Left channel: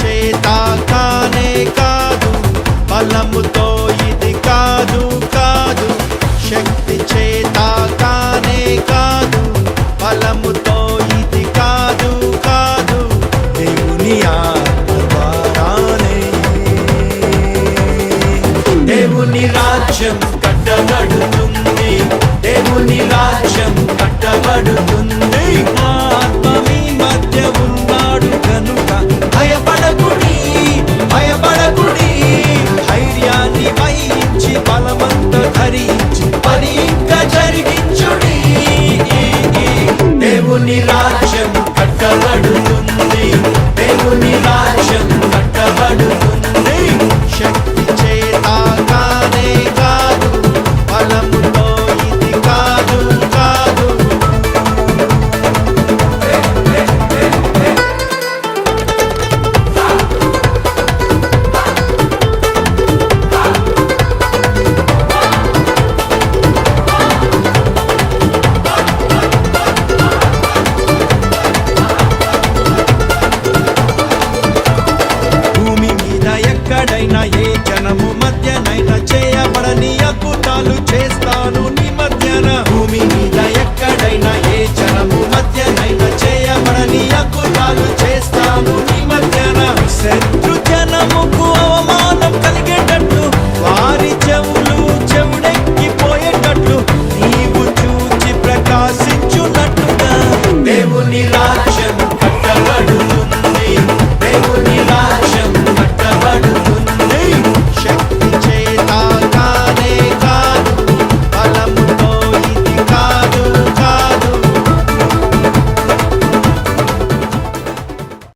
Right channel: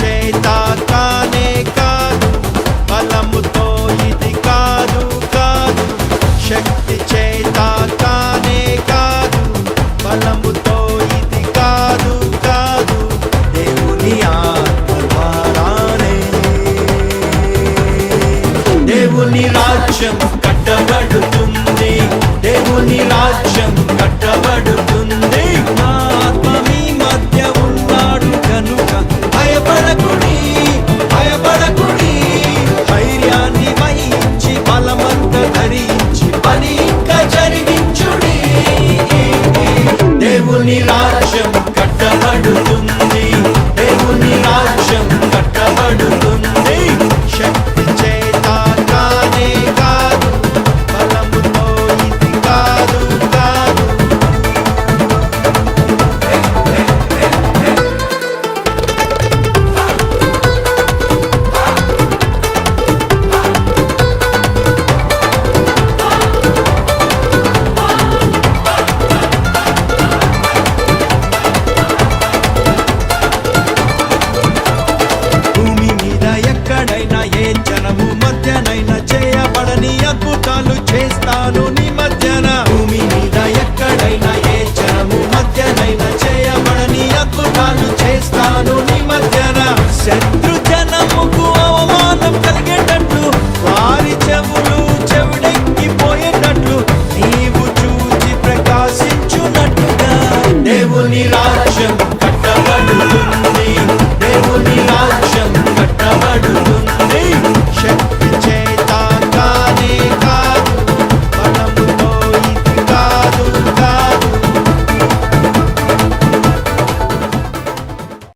చేత కానే కాదు, బలముతో ఇది కాదు కాదు. శక్తి చేత కానే కాదు, బలముతో ఇది కాదు కాదు. దేవుని ఆత్మ ద్వారానే దేవుని రాజ్యం కట్టబడుతుంది, దేవుని రాజ్యం కట్టబడుతుంది. ఆత్మ మీ మధ్య ఉన్నాడు కనుక భయపడకుడి, భయపడకుడి. ధైర్యాన్ని వహించి బలమంత ధరించి పని ఇంకా జరిగించుడి. దేవుని రాజ్యం కట్టబడుతుంది, దేవుని రాజ్యం కట్టబడుతుంది. శక్తి చేత కానే కాదు, బలముతో ఇది కాదు కాదు. భూమి మీద ఎక్కడైనా ఏ జనము మధ్యనైనా చేయబడని అద్భుతాలు చేస్తాను నీ మధ్యన. భూమి మీద ఎక్కడైనా ఏ జనము మధ్యనైనా చేయబడని అద్భుతాలు చేస్తాను నీ